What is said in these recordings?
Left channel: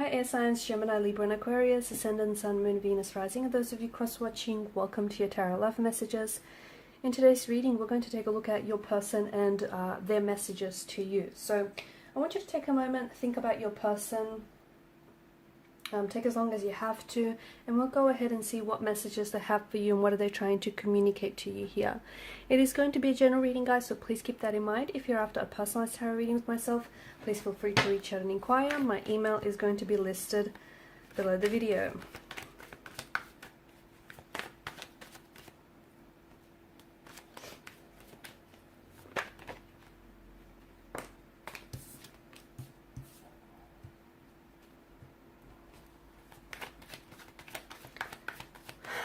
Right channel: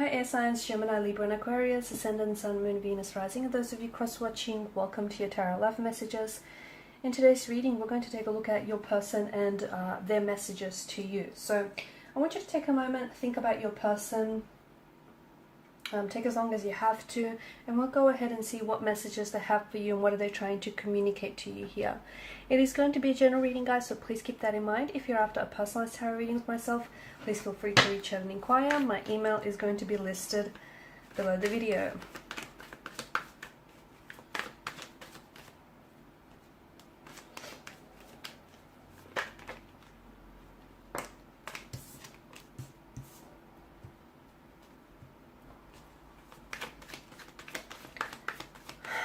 Hi air signs, Gemini, Libra and Aquarius, Ascendant, Sun, Moon, Venus, Rising. And those of you cross-watching, welcome to your Tarot Love Messages. In today's reading, we're going to take a look at your person and their messages to you. So I want you to take a moment, think about your person, take as long as you have to, and we'll go ahead and see what messages they have for you and what are they trying to communicate to you here. It is going to be a general reading, guys, so please keep that in mind. If you're after a personalized tarot reading with myself, please feel free to reach out and inquire. My email is going to be listed below the video.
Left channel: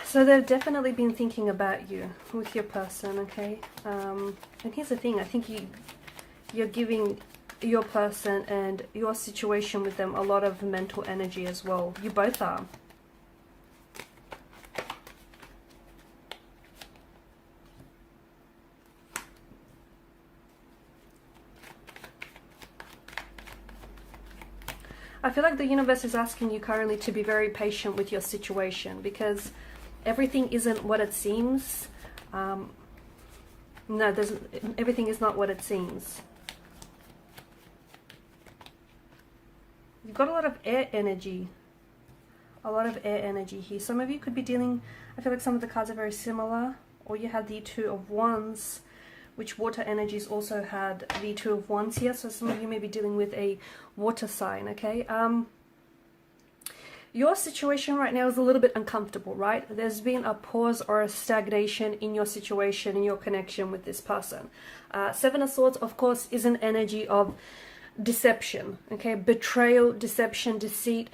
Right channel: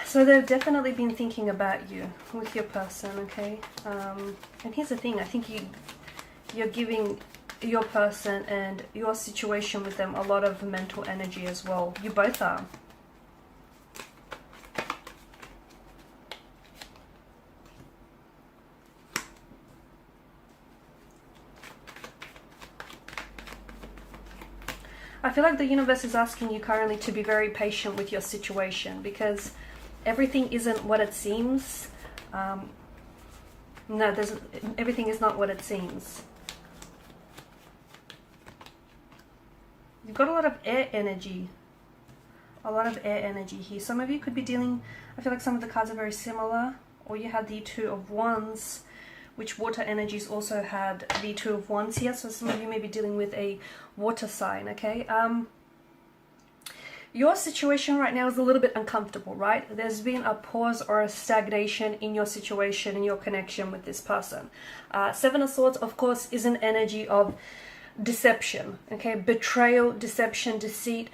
So they've definitely been thinking about you with your person, okay? And here's the thing, I think you're giving your person and your situation with them a lot of mental energy as well. You both are. I feel like the universe is asking you currently to be very patient with your situation because everything isn't what it seems. Everything is not what it seems. You've got a lot of air energy. A lot of air energy here. Some of you could be dealing, I feel like some of the cards are very similar. Or you had the Two of Wands, which water energies also had the Two of Wands here. So some of you may be dealing with a water sign, okay? Your situation right now is a little bit uncomfortable, right? There's been a pause or a stagnation in your situation, in your connection with this person. Seven of Swords, of course, is an energy of deception, okay? Betrayal, deception, deceit,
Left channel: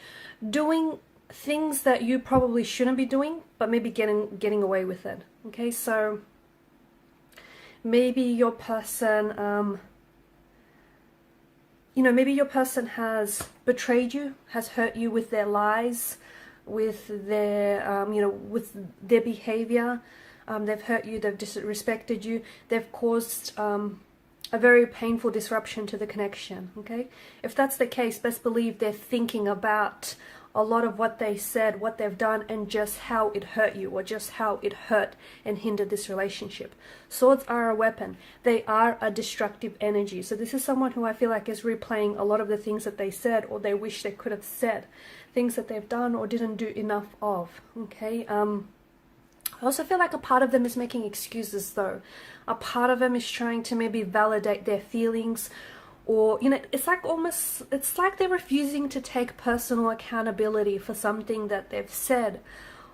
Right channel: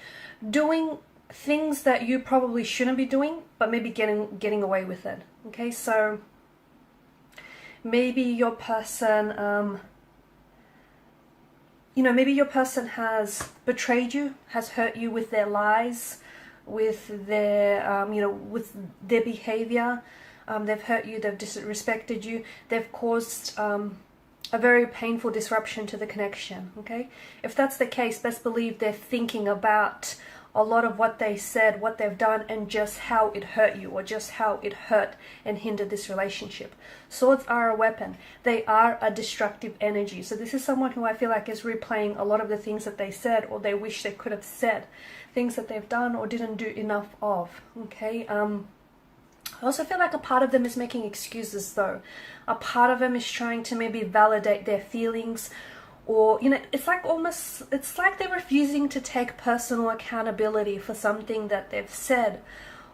doing things that you probably shouldn't be doing, but maybe getting away with it, okay? So maybe your person, maybe your person has betrayed you, has hurt you with their lies, with their, with their behavior. They've hurt you, they've disrespected you, they've caused a very painful disruption to the connection, okay? If that's the case, best believe they're thinking about a lot of what they said, what they've done, and just how it hurt you, or just how it hurt and hindered this relationship. Swords are a weapon. They are a destructive energy. So this is someone who I feel like is replaying a lot of the things that they said, or they wish they could have said, things that they've done or didn't do enough of, okay? I also feel like a part of them is making excuses though. A part of them is trying to maybe validate their feelings, or, it's like they're refusing to take personal accountability for something that they've said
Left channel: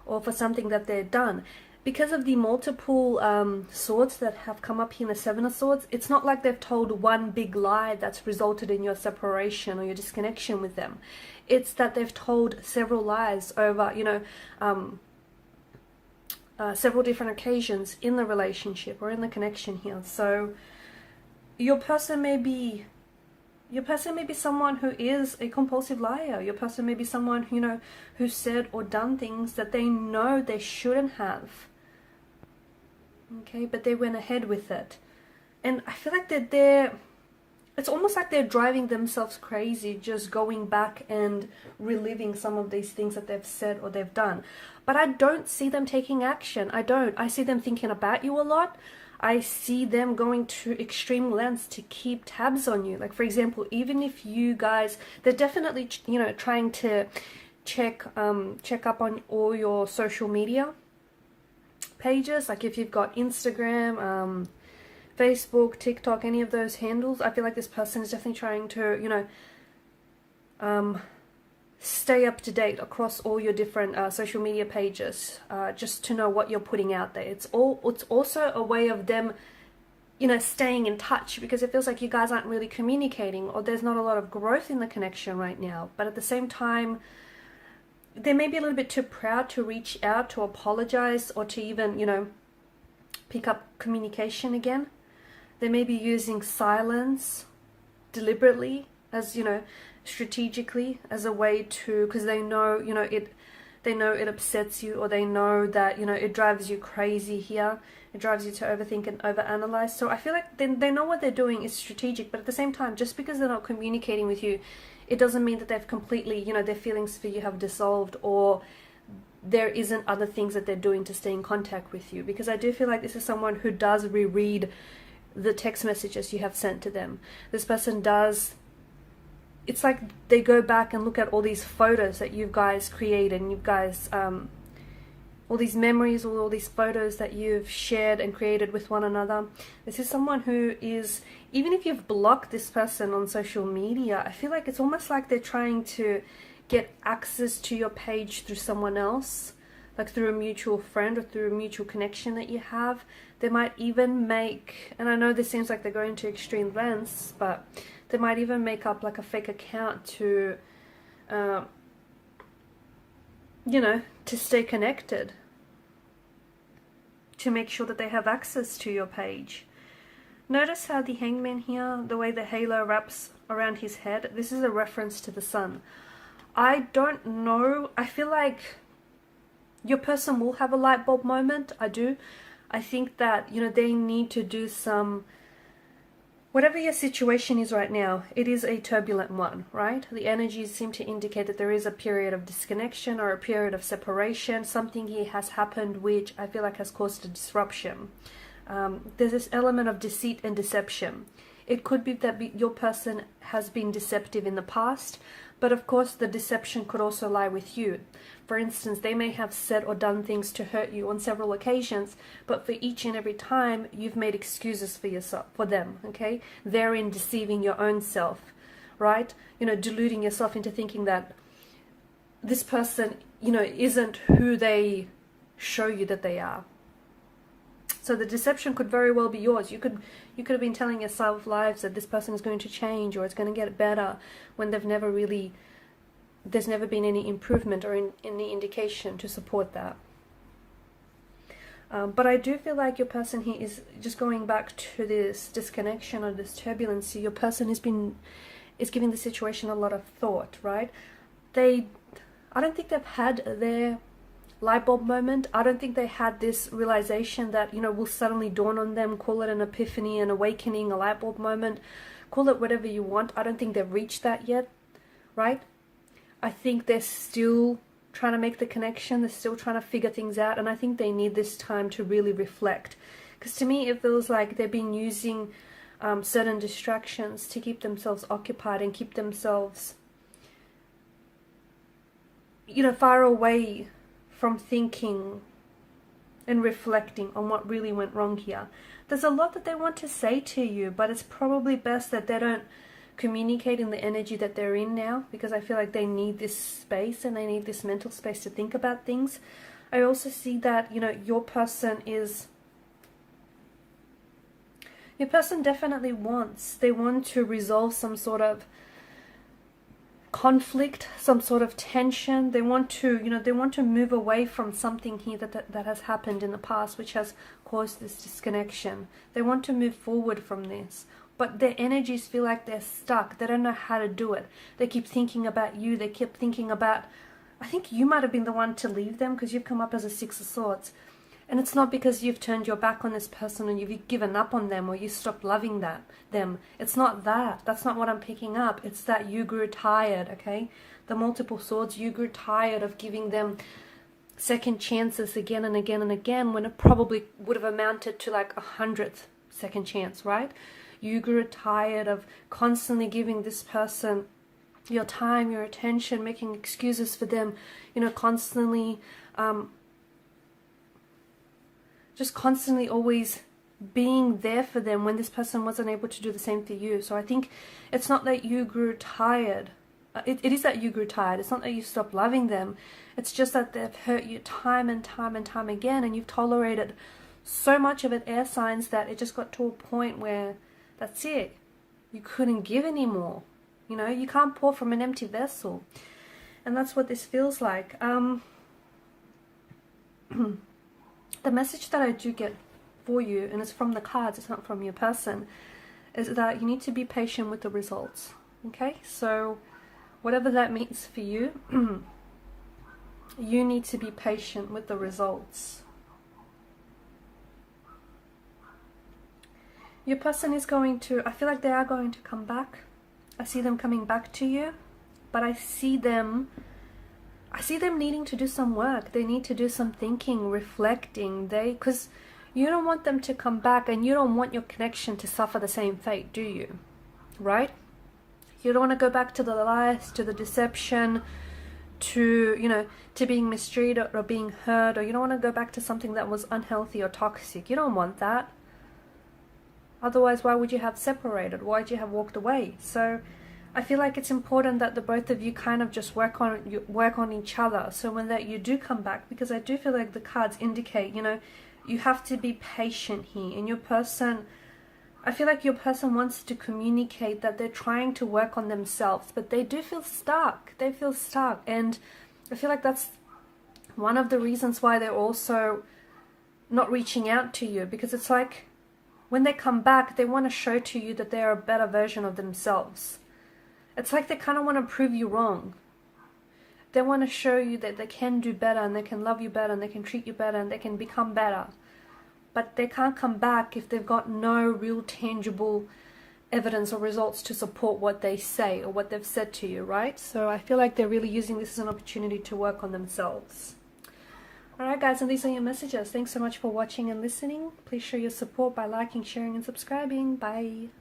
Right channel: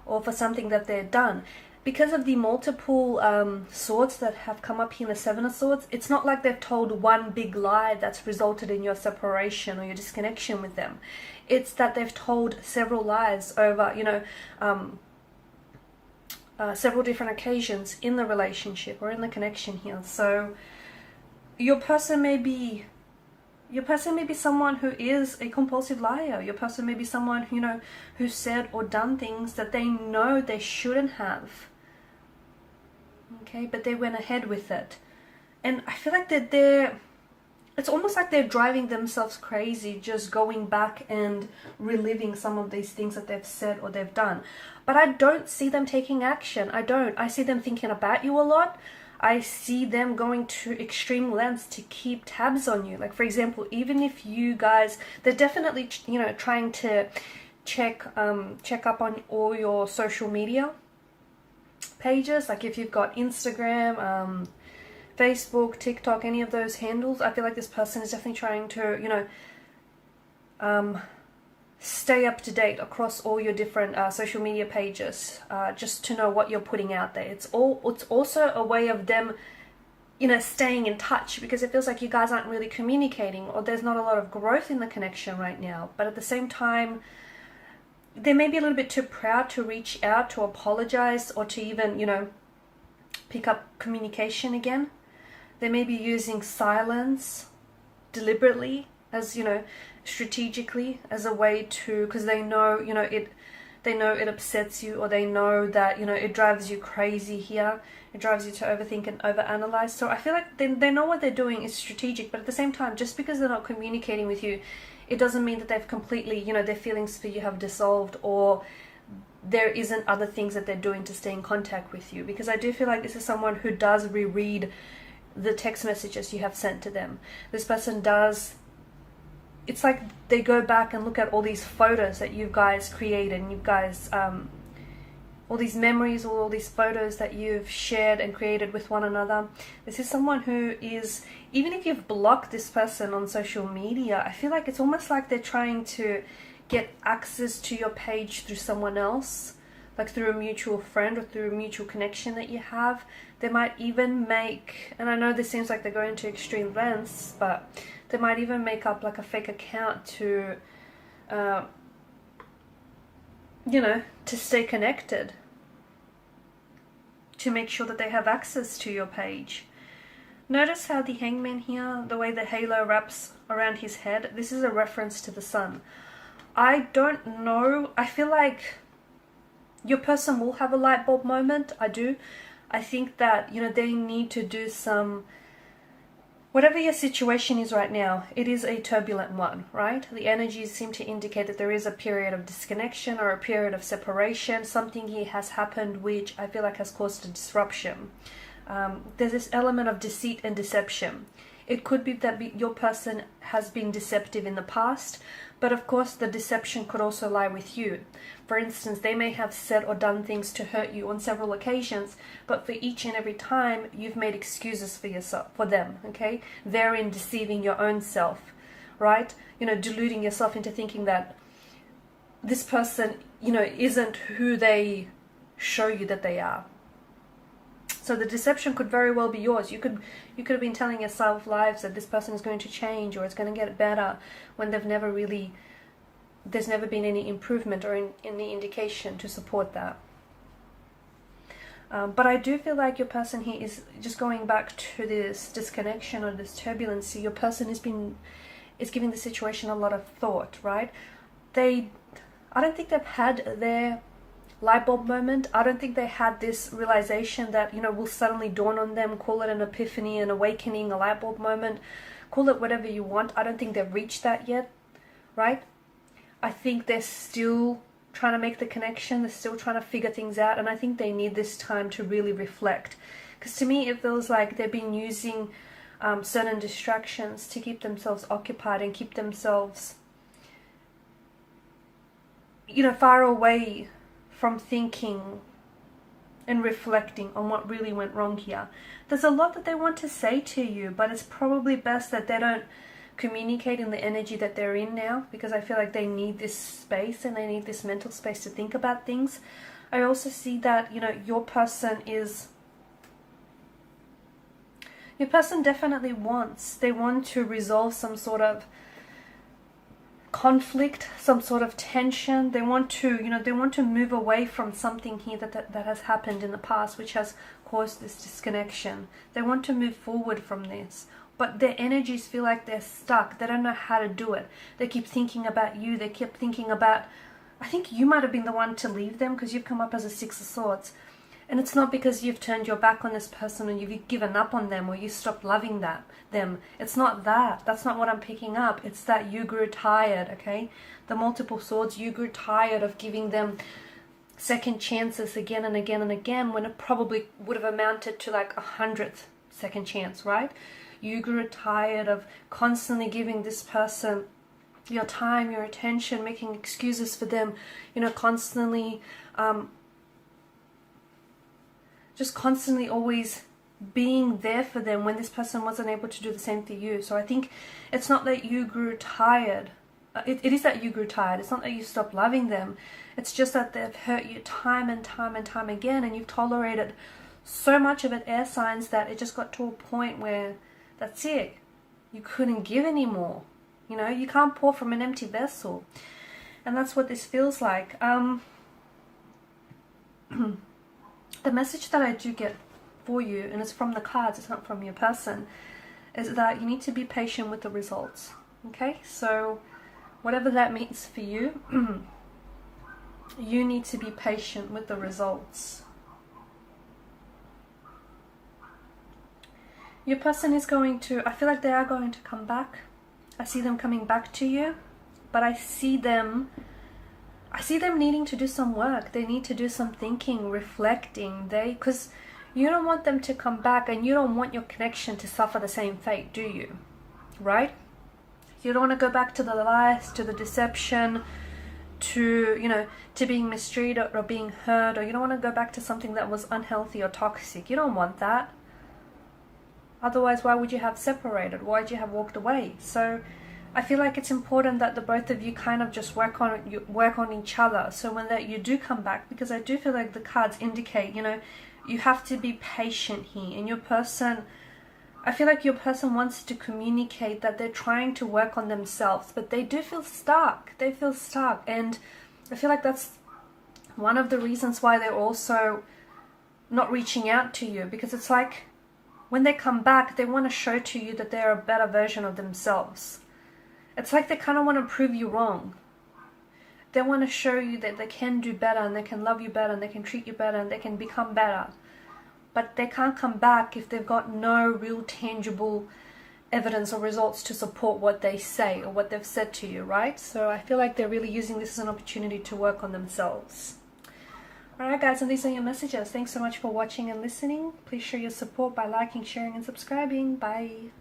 or for something that they've done. Because of the multiple swords that have come up here in the Seven of Swords, it's not like they've told one big lie that's resulted in your separation or your disconnection with them. It's that they've told several lies over, several different occasions in the relationship or in the connection here. So your person may be someone who is a compulsive liar. Your person may be someone, who said or done things that they know they shouldn't have. Okay, but they went ahead with it. And I feel like it's almost like they're driving themselves crazy, just going back and reliving some of these things that they've said or they've done. But I don't see them taking action. I see them thinking about you a lot. I see them going to extreme lengths to keep tabs on you. Like, for example, even if you guys, they're definitely, trying to check up on all your social media pages. Like if you've got Instagram, Facebook, TikTok, any of those handles, I feel like this person is definitely trying to, stay up to date across all your different social media pages, just to know what you're putting out there. It's also a way of them, staying in touch, because it feels like you guys aren't really communicating, or there's not a lot of growth in the connection right now. But at the same time, they may be a little bit too proud to reach out, to apologize, or to even, pick up communication again. They may be using silence deliberately, as, strategically, as a way to, because they know, it upsets you, or they know that, it drives you crazy here. It drives you to overthink and overanalyze. So I feel like they know what they're doing is strategic, but at the same time, just because they're not communicating with you, it doesn't mean that they've completely, you know, their feelings for you have dissolved, or there isn't other things that they're doing to stay in contact with you. Because I do feel like this is someone who does reread the text messages you have sent to them. This person does, it's like they go back and look at all these photos that you guys created, and you guys, all these memories, all these photos that you've shared and created with one another. This is someone who is, even if you've blocked this person on social media, I feel like it's almost like they're trying to get access to your page through someone else, like through a mutual friend or through a mutual connection that you have. They might even make, and I know this seems like they're going to extreme lengths, but they might even make up like a fake account to, you know, to stay connected, to make sure that they have access to your page. Notice how the Hangman here, the way the halo wraps around his head, this is a reference to the sun. I don't know, I feel like your person will have a light bulb moment. I do. I think that, you know, they need to do some, whatever your situation is right now, it is a turbulent one, right? The energies seem to indicate that there is a period of disconnection or a period of separation. Something here has happened which I feel like has caused a disruption. There's this element of deceit and deception. It could be that your person has been deceptive in the past, but of course the deception could also lie with you. For instance, they may have said or done things to hurt you on several occasions, but for each and every time you've made excuses for yourself, for them, okay? Therein deceiving your own self, right? You know, deluding yourself into thinking that this person, you know, isn't who they show you that they are. So the deception could very well be yours. You could have been telling yourself lies that this person is going to change or it's going to get better, when they've never really, there's never been any improvement or any indication to support that. But I do feel like your person here is just going back to this disconnection or this turbulency. Your person is giving the situation a lot of thought, right? I don't think they've had their light bulb moment. I don't think they had this realization that, you know, will suddenly dawn on them. Call it an epiphany, an awakening, a light bulb moment. Call it whatever you want. I don't think they've reached that yet, right? I think they're still trying to make the connection. They're still trying to figure things out. And I think they need this time to really reflect. Because to me, it feels like they've been using certain distractions to keep themselves occupied and keep themselves, you know, far away from thinking and reflecting on what really went wrong here. There's a lot that they want to say to you, but it's probably best that they don't communicate in the energy that they're in now, because I feel like they need this space and they need this mental space to think about things. I also see that, you know, your person definitely they want to resolve some sort of conflict, some sort of tension. They want to, you know, they want to move away from something here that has happened in the past, which has caused this disconnection. They want to move forward from this, but their energies feel like they're stuck. They don't know how to do it. They keep thinking about you. They keep thinking about, I think you might have been the one to leave them, because you've come up as a Six of Swords. And it's not because you've turned your back on this person and you've given up on them or you stopped loving them. It's not that. That's not what I'm picking up. It's that you grew tired, okay? The multiple swords, you grew tired of giving them second chances again and again and again, when it probably would have amounted to like 100th second chance, right? You grew tired of constantly giving this person your time, your attention, making excuses for them, you know, constantly just constantly always being there for them when this person wasn't able to do the same for you. So I think it's not that you grew tired. It is that you grew tired. It's not that you stopped loving them. It's just that they've hurt you time and time and time again, and you've tolerated so much of it, air signs, that it just got to a point where that's it. You couldn't give anymore. You know, you can't pour from an empty vessel. And that's what this feels like. The message that I do get for you, and it's from the cards, it's not from your person, is that you need to be patient with the results. Okay, so whatever that means for you, you need to be patient with the results. Your person is going to, I feel like they are going to come back. I see them coming back to you. but I see them needing to do some work. They need to do some thinking, reflecting. Because you don't want them to come back, and you don't want your connection to suffer the same fate, do you? Right? You don't want to go back to the lies, to the deception, to, to being mistreated or being hurt, or you don't want to go back to something that was unhealthy or toxic. You don't want that. Otherwise, why would you have separated? Why would you have walked away? So I feel like it's important that the both of you kind of just work on each other. So when you do come back, because I do feel like the cards indicate, you have to be patient here. And I feel like your person wants to communicate that they're trying to work on themselves, but they do feel stuck. They feel stuck. And I feel like that's one of the reasons why they're also not reaching out to you, because it's like when they come back, they want to show to you that they're a better version of themselves. It's like they kind of want to prove you wrong. They want to show you that they can do better, and they can love you better, and they can treat you better, and they can become better. But they can't come back if they've got no real tangible evidence or results to support what they say or what they've said to you, right? So I feel like they're really using this as an opportunity to work on themselves. Alright guys, and these are your messages. Thanks so much for watching and listening. Please show your support by liking, sharing and subscribing. Bye.